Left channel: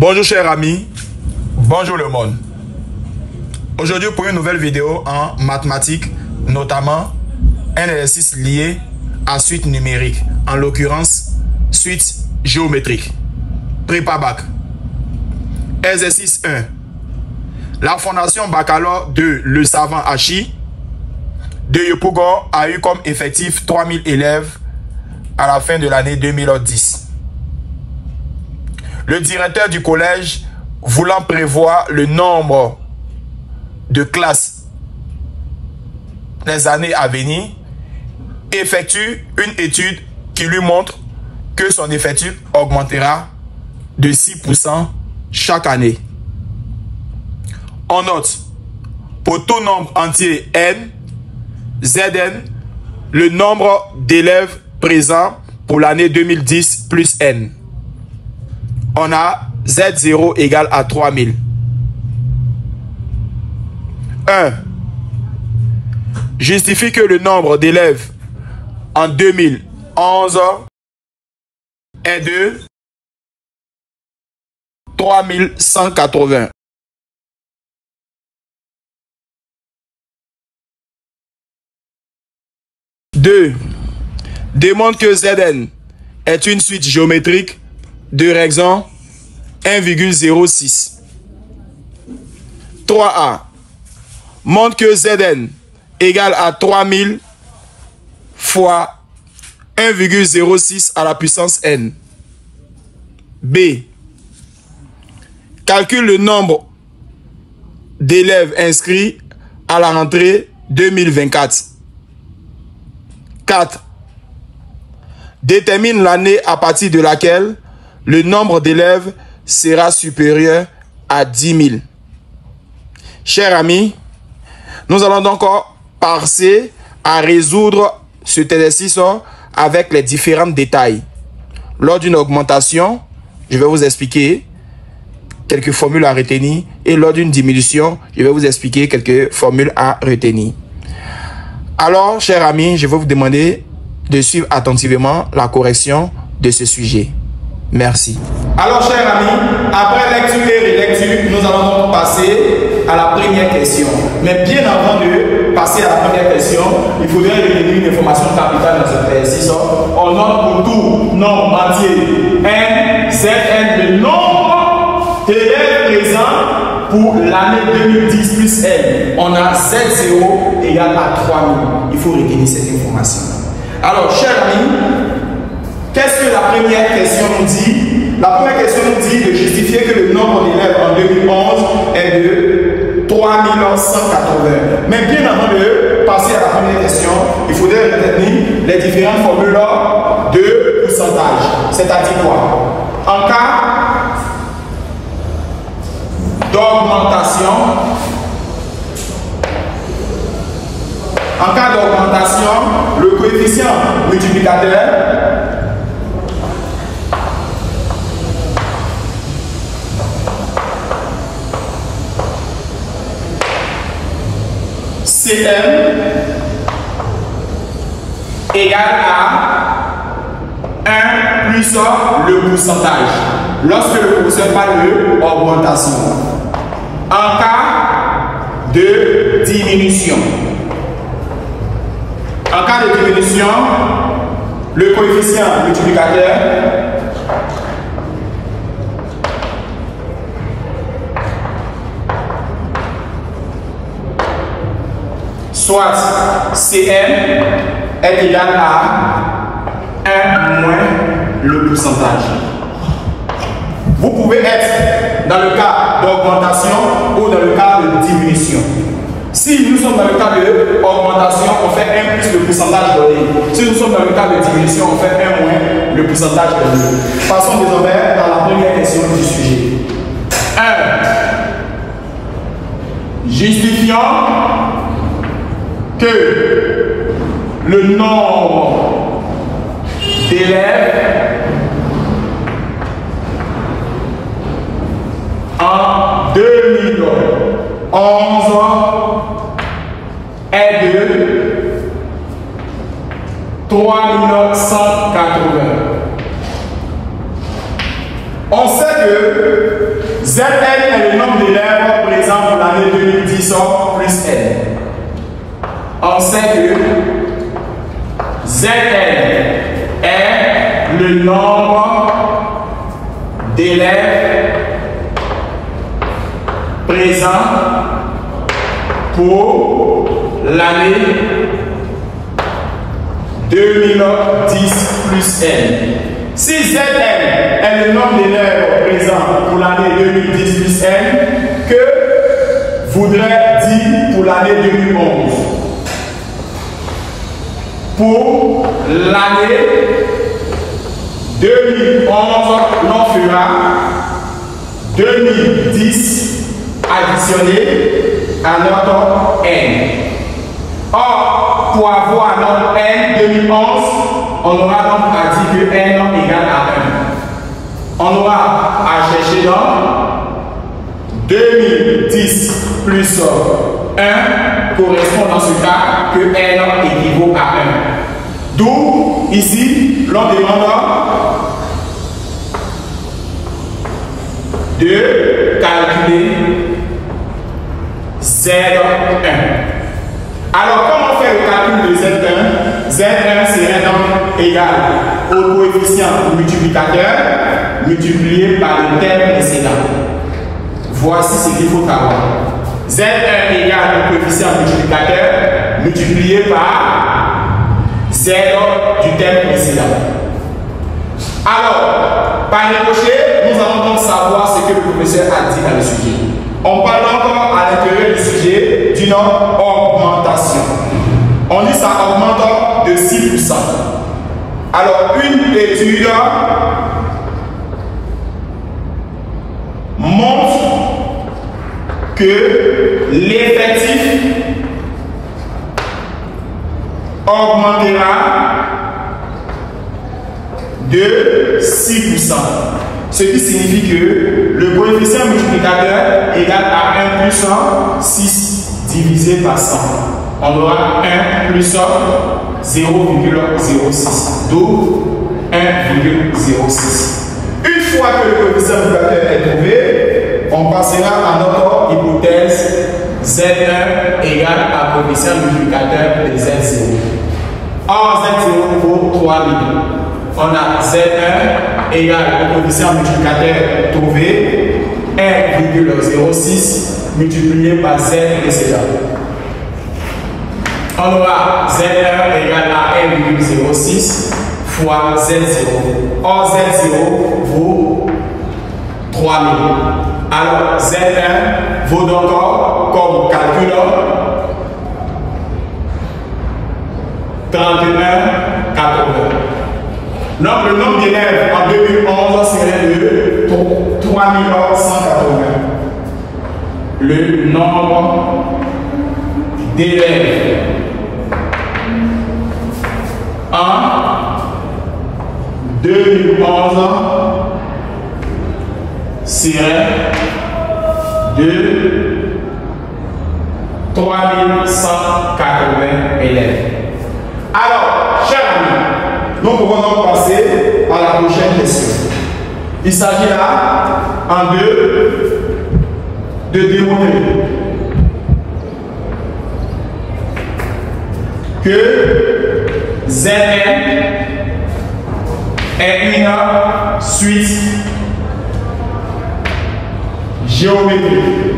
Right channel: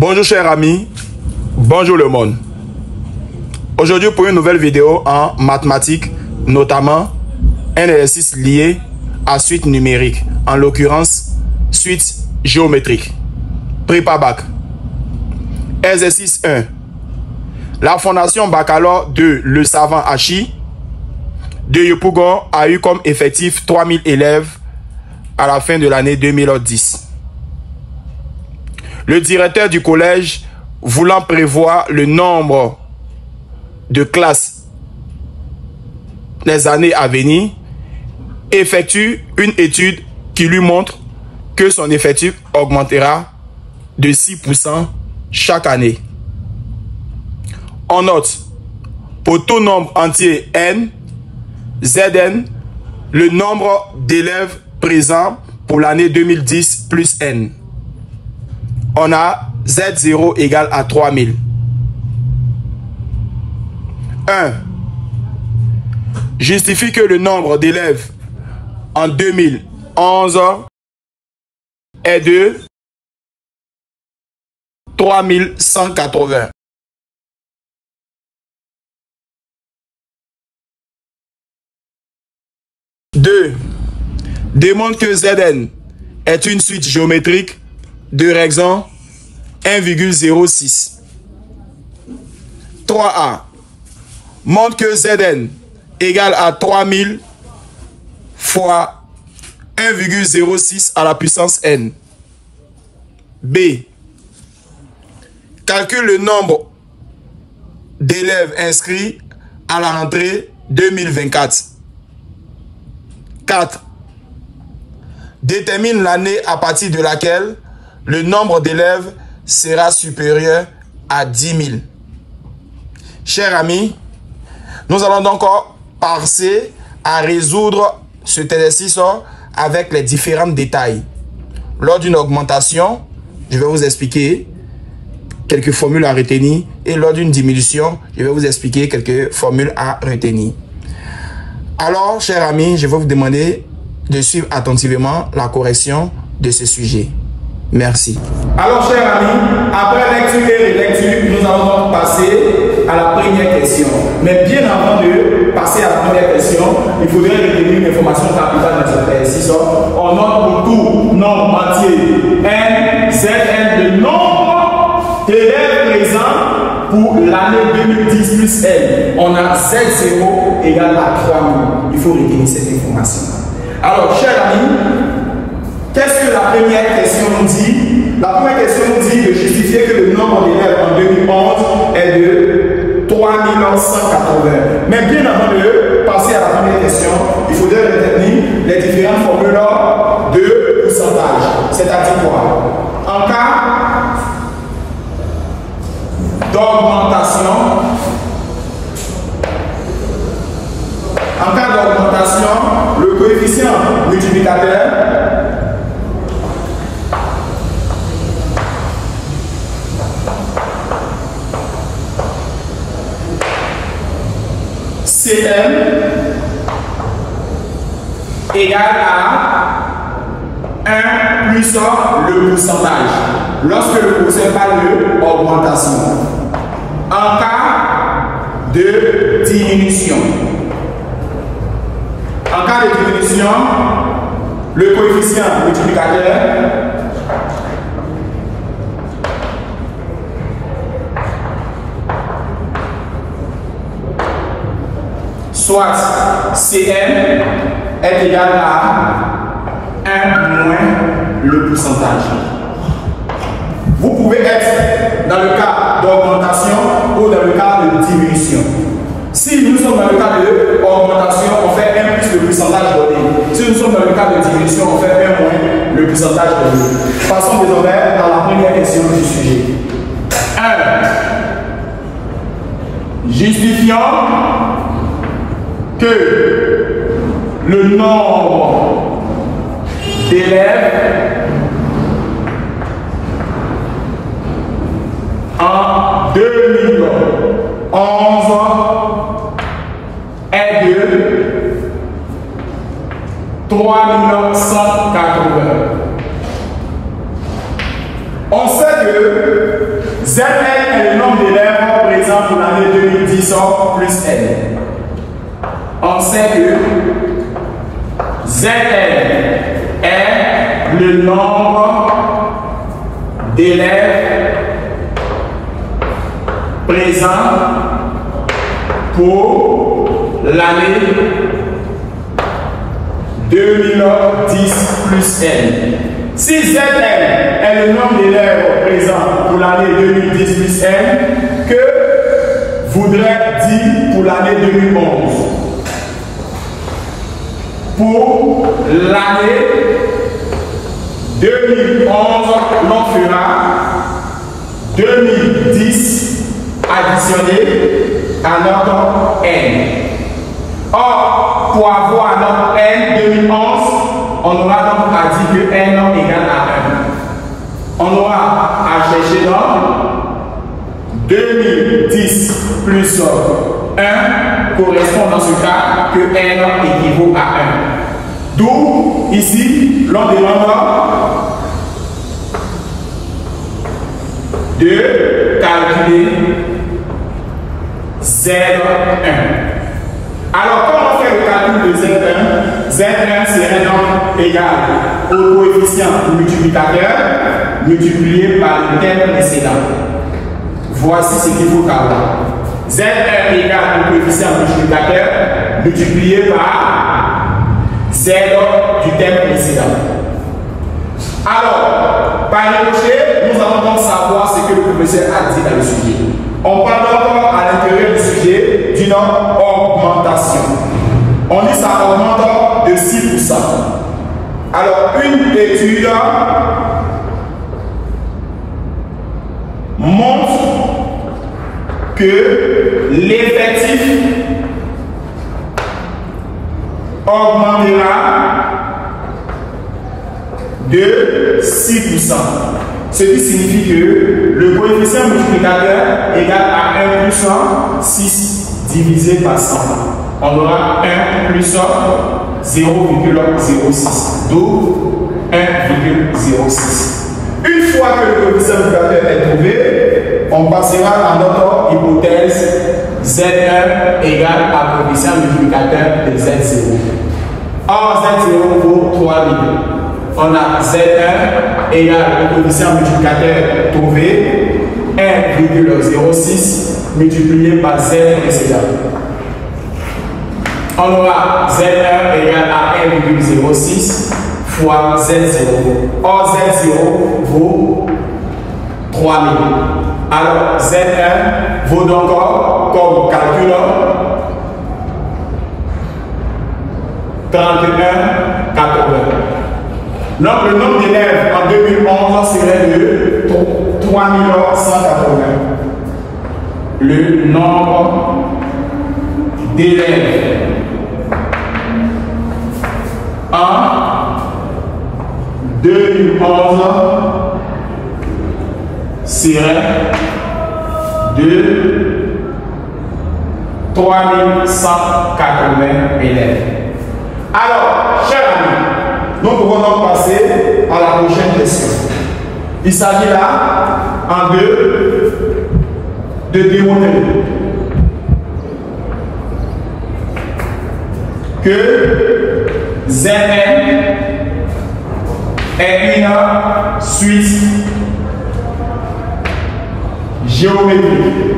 Bonjour chers amis, bonjour le monde. Aujourd'hui pour une nouvelle vidéo en mathématiques, notamment un exercice lié à suite numérique, en l'occurrence suite géométrique. Prépa bac. Exercice 1. La fondation baccalauréat de Le Savant Hachi de Yopougon a eu comme effectif 3000 élèves à la fin de l'année 2010. Le directeur du collège, voulant prévoir le nombre de classes les années à venir, effectue une étude qui lui montre que son effectif augmentera de 6% chaque année. On note, pour tout nombre entier n, Zn, le nombre d'élèves présents pour l'année 2010 plus n. On a Z0 égale à 3000. 1. Justifie que le nombre d'élèves en 2011 est de 3180. 2. Démontre que Zn est une suite géométrique de raison 1,06. 3a. Montre que Zn égale à 3000 fois 1,06 à la puissance n. B. Calcule le nombre d'élèves inscrits à la rentrée 2024. 4. Détermine l'année à partir de laquelle le nombre d'élèves sera supérieur à 10 000. Chers amis, nous allons donc passer à résoudre cet exercice avec les différents détails. Lors d'une augmentation, je vais vous expliquer quelques formules à retenir, et lors d'une diminution, je vais vous expliquer quelques formules à retenir. Alors, chers amis, je vais vous demander de suivre attentivement la correction de ce sujet. Merci. Alors, chers amis, après lecture et relecture, nous allons donc passer à la première question. Mais bien avant de passer à la première question, il faudrait retenir une information capitale dans cet exercice. On note pour tout nombre entier n, Zn, le nombre d'élèves présents pour l'année 2010 plus n. On a Z0 égale à 3000. Il faut retenir cette information. Alors, chers amis, qu'est-ce que la première question nous dit? La première question nous dit de justifier que le nombre d'élèves en 2011 est de 3180. Mais bien avant de passer à la première question, il faudrait retenir les différentes formules de pourcentage. C'est-à-dire quoi? En cas d'augmentation, le coefficient multiplicateur Cm égale à 1 plus le pourcentage. Lorsque le pourcentage parle de augmentation. En cas de diminution. En cas de diminution, le coefficient multiplicateur soit Cm est égal à 1 moins le pourcentage. Vous pouvez être dans le cas d'augmentation ou dans le cas de diminution. Si nous sommes dans le cas d'augmentation, on fait 1 plus le pourcentage donné. Si nous sommes dans le cas de diminution, on fait 1 moins le pourcentage donné. Passons désormais dans la première question du sujet. 1. Justifions que le nombre d'élèves en 2011 est de 3180. On sait que ZN est le nombre d'élèves présents pour l'année 2010 plus N. On sait que ZN est le nombre d'élèves présents pour l'année 2010 plus N. Si ZN est le nombre d'élèves présents pour l'année 2010 plus N, que voudrait dire pour l'année 2011? Pour l'année 2011, l'on fera 2010 additionné à notre N. Or, pour avoir notre N 2011, on aura donc à dire que N égale à 1. On aura à chercher donc 2010 plus 1 correspond dans ce cas que N équivaut à 1. D'où, ici, l'on demande de calculer Z1. Alors, comment on fait le calcul de Z1? Z1 serait donc égal au coefficient multiplicateur multiplié par le terme précédent. Voici ce qu'il faut savoir. Z1 égale au coefficient multiplicateur multiplié par Z du terme précédent. Alors, par ricochet, nous allons donc savoir ce que le professeur a dit dans le sujet. On parle donc à l'intérieur du sujet d'une augmentation. On dit que ça augmente de 6%. Alors, une étude montre que l'effectif augmentera de 6%. Ce qui signifie que le coefficient multiplicateur égale à 1 plus 1, 6 divisé par 100. On aura 1 plus 1, 0,06. D'où 1,06. Une fois que le coefficient multiplicateur est trouvé, on passera à notre hypothèse Z1 égale à coefficient multiplicateur de Z0. Or, Z0 vaut 3000. On a Z1 égale au coefficient multiplicateur trouvé 1,06 multiplié par Z précédent. On aura Z1 égale à 1,06 fois Z0. Or, Z0 vaut 3000. Alors, Z1 vaut donc comme calcul 31,80. Donc, le nombre d'élèves en 2011 serait de 3180. Le nombre d'élèves en 2011 serait de 3180 élèves. Alors, chers amis, nous pouvons donc passer à la prochaine question. Il s'agit là, en deux, de démontrer que Zn est une suite géométrique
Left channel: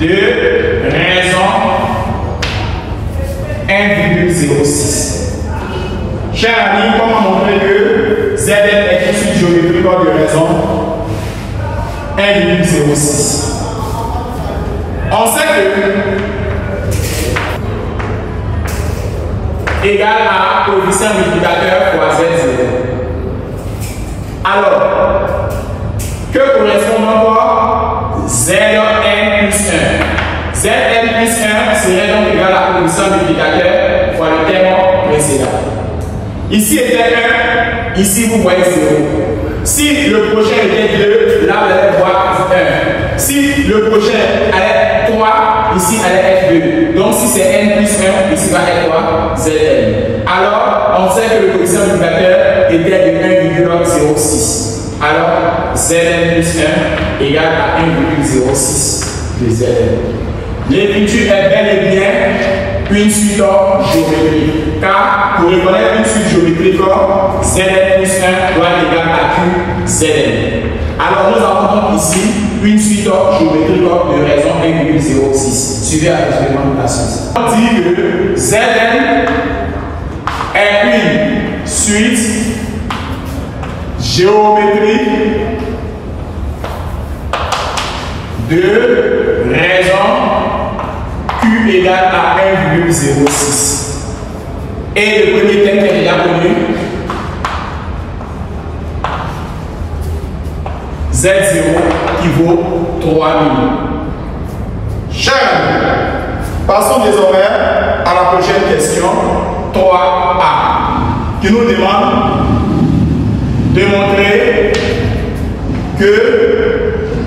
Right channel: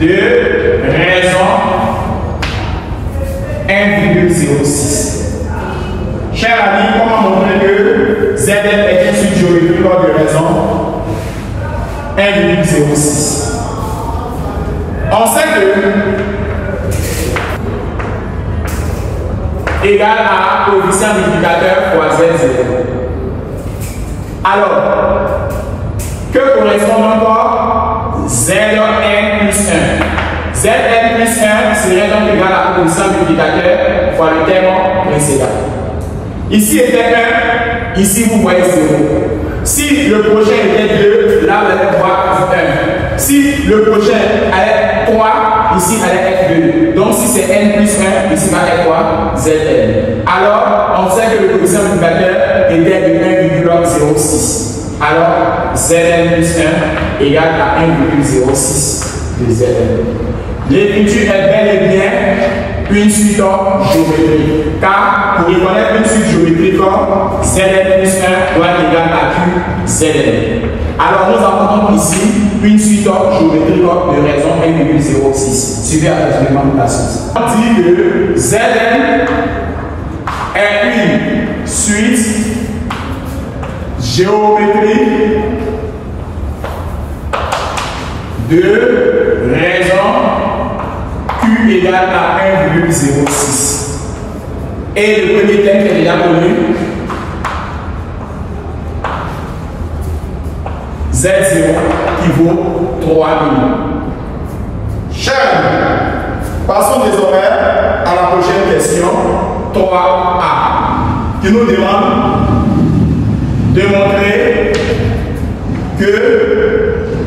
de raison 1,06. Chers amis, comment montrer que Zn est une suite géométrique de raison 1,06? On sait que égal à coefficient multiplicateur fois Z0. Alors, que correspond encore Zn plus 1? Zn plus 1 serait donc égal à coefficient multiplicateur fois le terme précédent. Ici était 1, ici vous voyez 0. Si le prochain était 2, là vous allez voir 1. Si le prochain allait 3, ici allait être 2. Donc si c'est n plus 1, ici va être quoi? Zn. Alors, on sait que le coefficient multiplicateur était de Zn plus 1 égale à 1,06 de Zn. L'écriture est bel et bien une suite géométrique. Car pour reconnaître une suite géométrique, Zn plus 1 doit être égal à Q Zn. Alors nous avons donc ici une suite géométrique de raison 1,06. Suivez attentivement la suite. On dit que Zn est une suite géométrique de raison Q égale à 1,06. Et le premier terme qui est déjà connu, Z0 qui vaut 3000. Chers amis, passons désormais à la prochaine question, 3A, qui nous demande de montrer que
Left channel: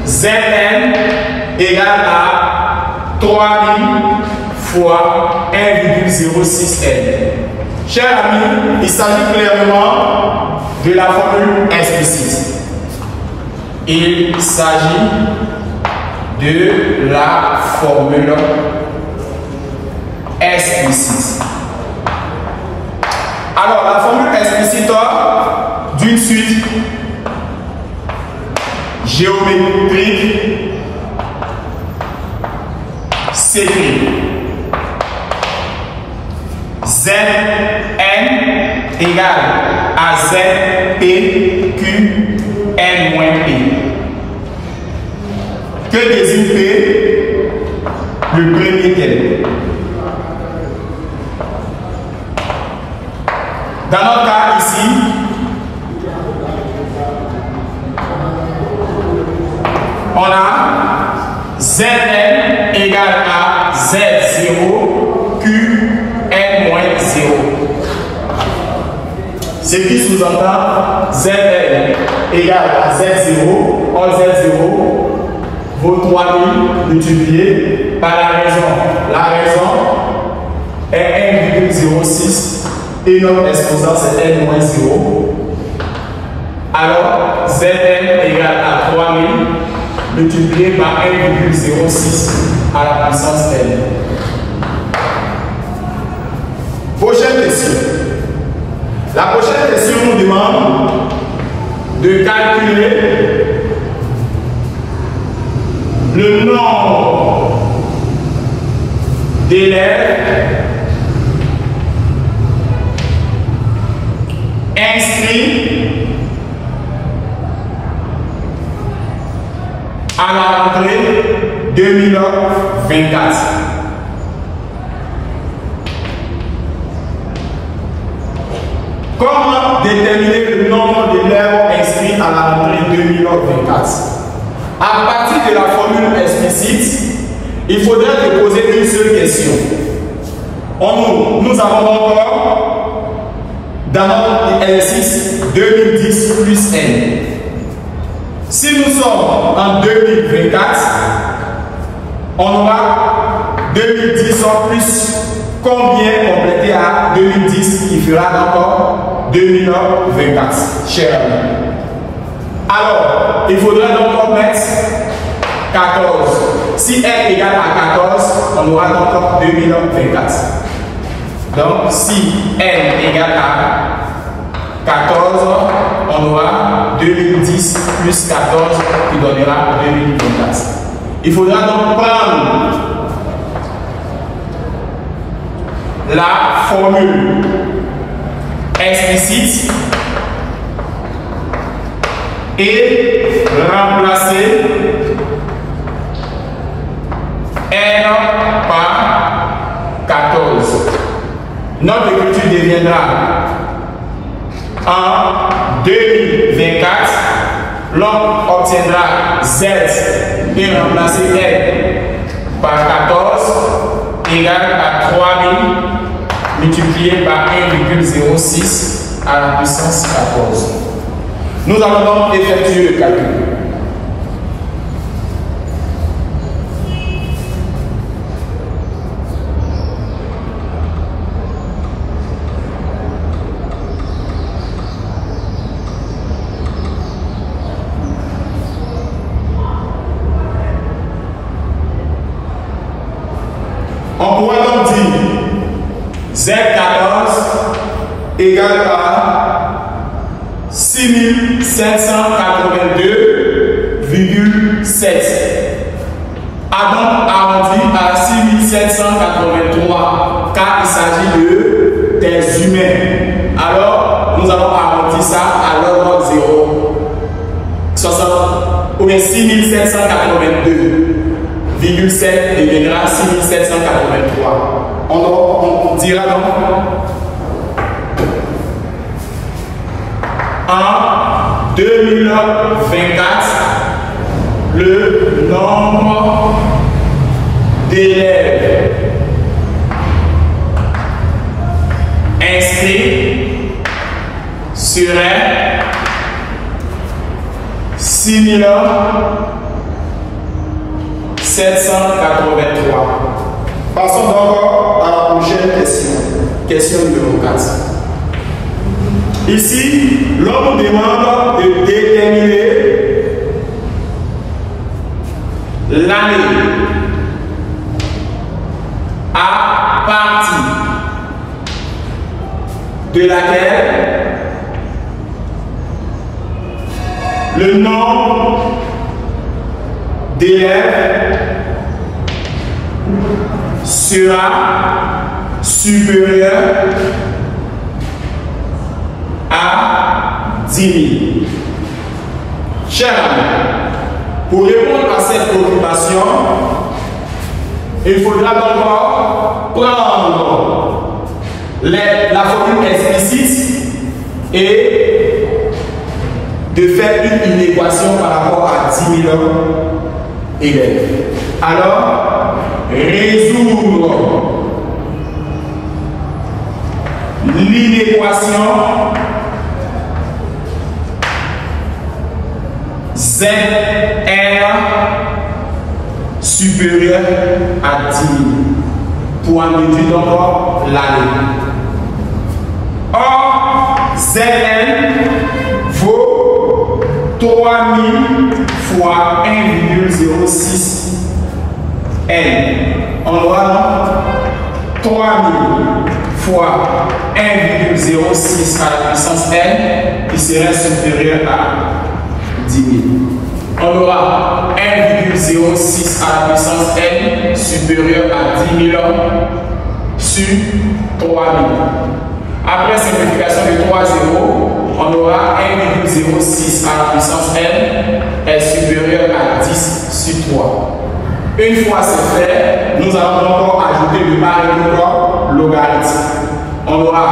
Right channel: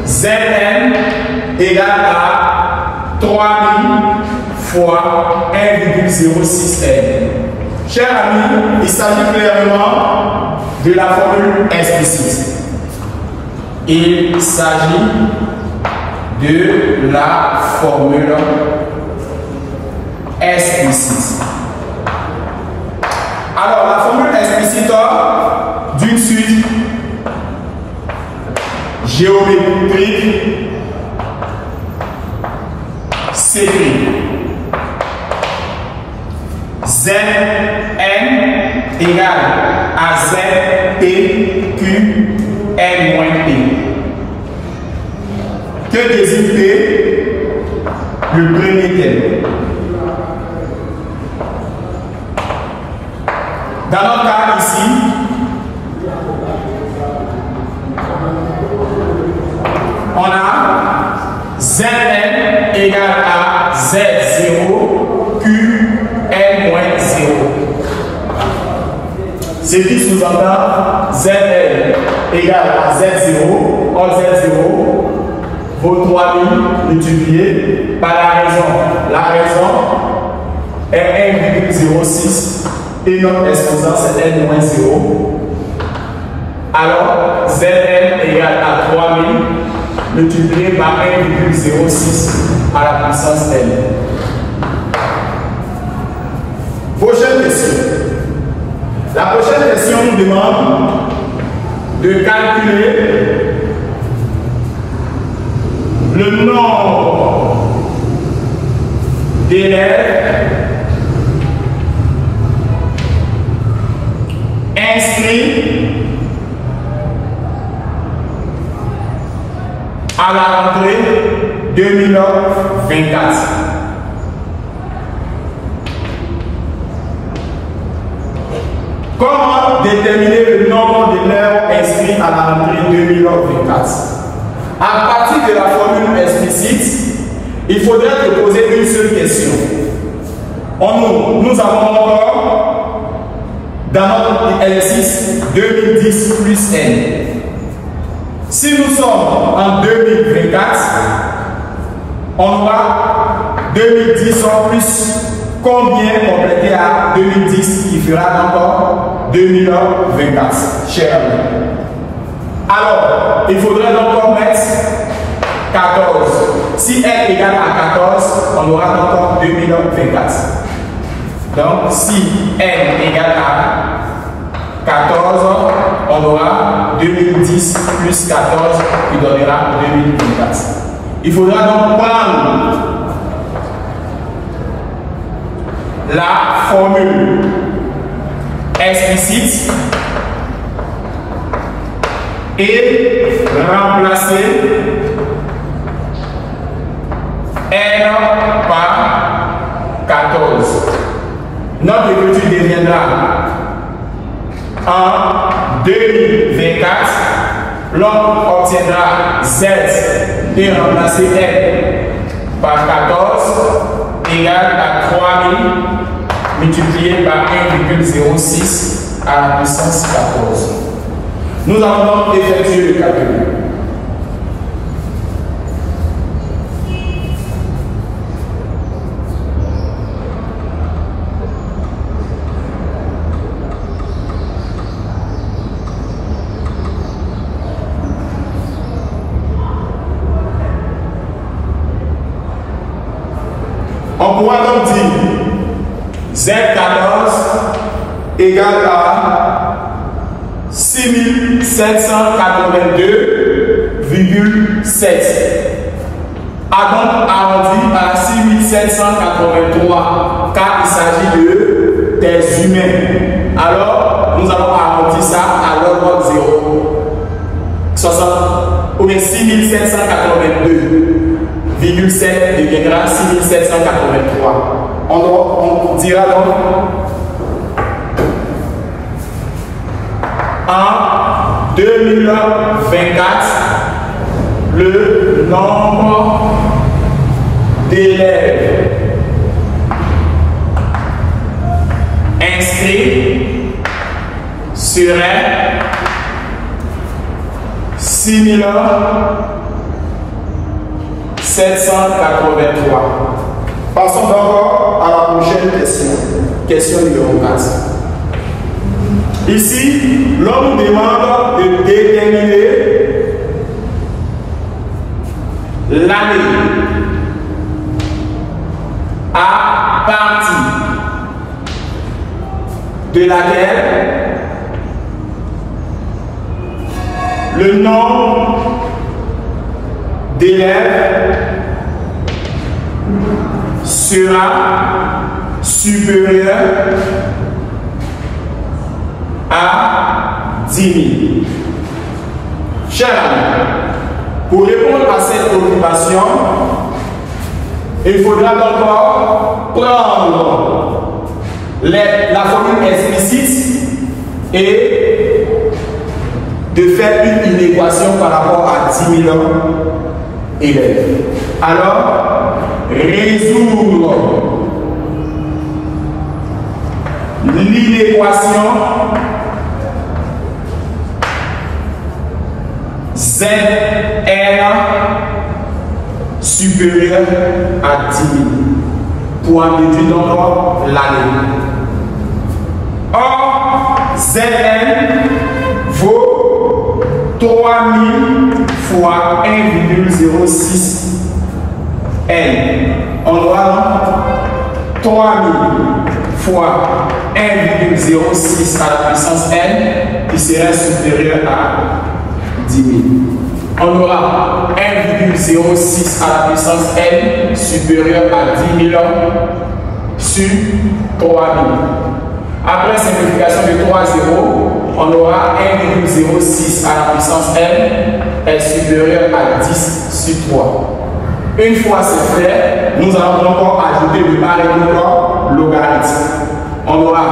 Zn égale à 3000 fois 1,06n. Chers amis, il s'agit clairement de la formule explicite. Il s'agit de la formule explicite. Alors, la formule explicite d'une suite géométrique s'écrit Zn égale à Zp Q N moins P. Que désigne P? Le premier terme. Dans notre cas ici, on a Zn égale à Z0 Q N moins 0. Ce qui sous-entend Zn égale à Z0, or Z0 vaut 3000 multiplié par la raison. La raison est 1,06 et notre exposant c'est N-0. Alors Zn égale à 3000 multiplié par 1,06 à la puissance n. Prochaine question. La prochaine question nous demande de calculer le nombre d'élèves inscrits à la rentrée 2024. Comment déterminer le nombre d'élèves inscrits à la rentrée 2024? À partir de la formule explicite, il faudrait te poser une seule question. Nous avons encore dans notre exercice 2010 plus n. Si nous sommes en 2024, on aura 2010 en plus combien complété à 2010 qui fera encore 2024, chers amis. Alors, il faudra donc mettre 14. Si n égale à 14, on aura encore 2024. Donc, si n égale à 14, on aura 2010 plus 14 qui donnera 2024. Il faudra donc prendre la formule explicite et remplacer n par 14. Notre écriture deviendra en 2024, l'on obtiendra z et remplacer n par 14 égale à 3000 multiplié par 1,06 à la puissance 14. Nous allons donc effectuer le calcul. égale à 6782,7. A donc arrondi à 6783 car il s'agit des humains. Alors, nous allons arrondir ça à l'ordre 0. 60 ou bien 6782,7 deviendra 6783. On dira donc en 2024, le nombre d'élèves inscrits serait 6783. Passons donc à la prochaine question. Question numéro 4. Ici, l'on nous demande de déterminer l'année à partir de laquelle le nombre d'élèves sera supérieur à 10 000. Chers amis, pour répondre à cette préoccupation, il faudra d'abord prendre la formule explicite et de faire une équation par rapport à 10 000 élèves. Alors, résoudre l'inéquation ZR supérieur à 10 000 pour en déduire donc l'année. Or, Zn vaut 3000 fois 1,06 N. On aura 3000 fois 1,06 à la puissance N qui serait supérieur à 10 000. On aura 1,06 à la puissance N supérieur à 10 000 sur 3000. Après simplification de 3 zéros, on aura 1,06 à la puissance N est supérieur à 10 sur 3. Une fois c'est fait, nous allons encore ajouter le barème logarithme. On aura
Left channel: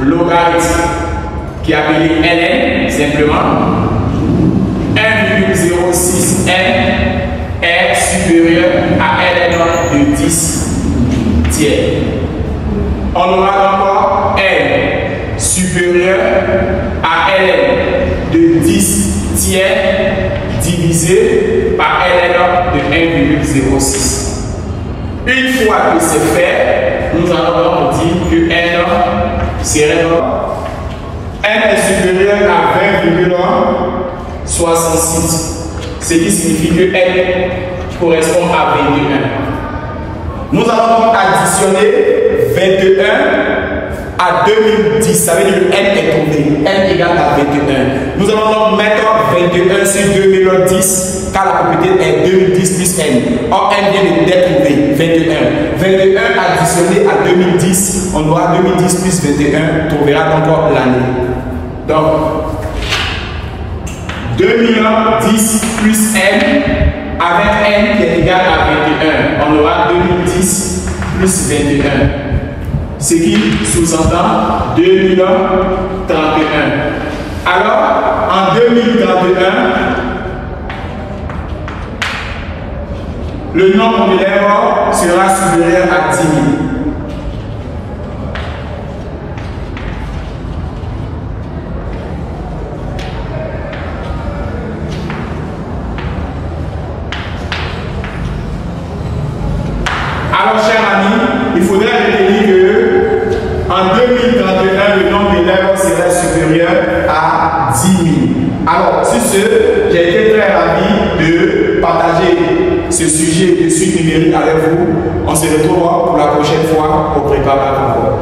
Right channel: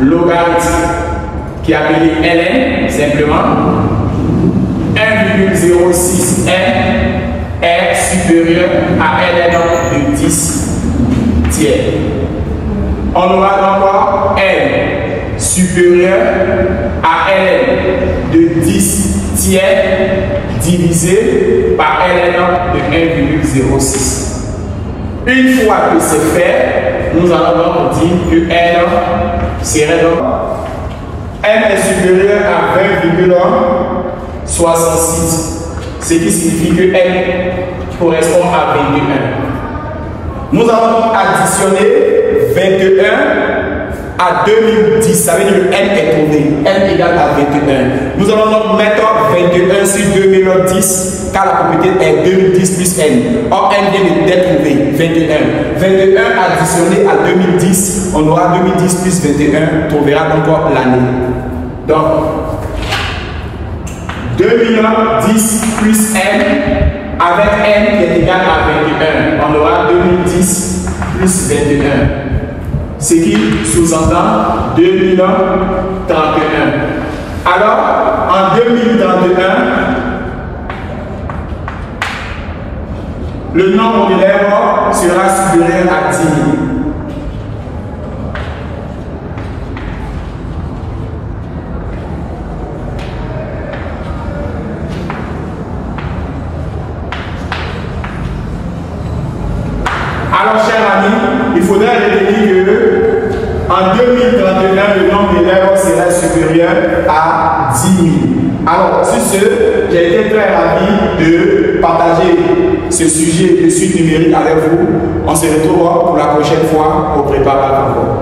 logarithme qui est appelé ln simplement. 1,06 n est supérieur à ln de 10 tiers. On aura encore n supérieur à ln de 10 tiers divisé par ln de 1,06. Une fois que c'est fait, nous allons donc dire que n serait donc n est supérieur à 20,66, ce qui signifie que n correspond à 21. Nous allons donc additionner 21 à 2010, ça veut dire que n est trouvé, n égale à 21. Nous allons donc mettre 21 sur 2010, car la propriété est 2010 plus n. Or, n vient d'être trouvé, 21. 21 additionné à 2010, on aura 2010 plus 21, trouvera donc l'année. Donc, 2010 plus n, avec n qui est égal à 21, on aura 2010 plus 21. Ce qui sous-entend 2031. Alors, en 2031, le nombre d'élèves sera supérieur à 10 000. Alors, chers amis, il faudrait retenir que en 2031, le nombre d'élèves sera supérieur à 10 000. Alors, sur ce, j'ai été très ravi de partager ce sujet de suite numérique avec vous. On se retrouve pour la prochaine fois au Préparatoire.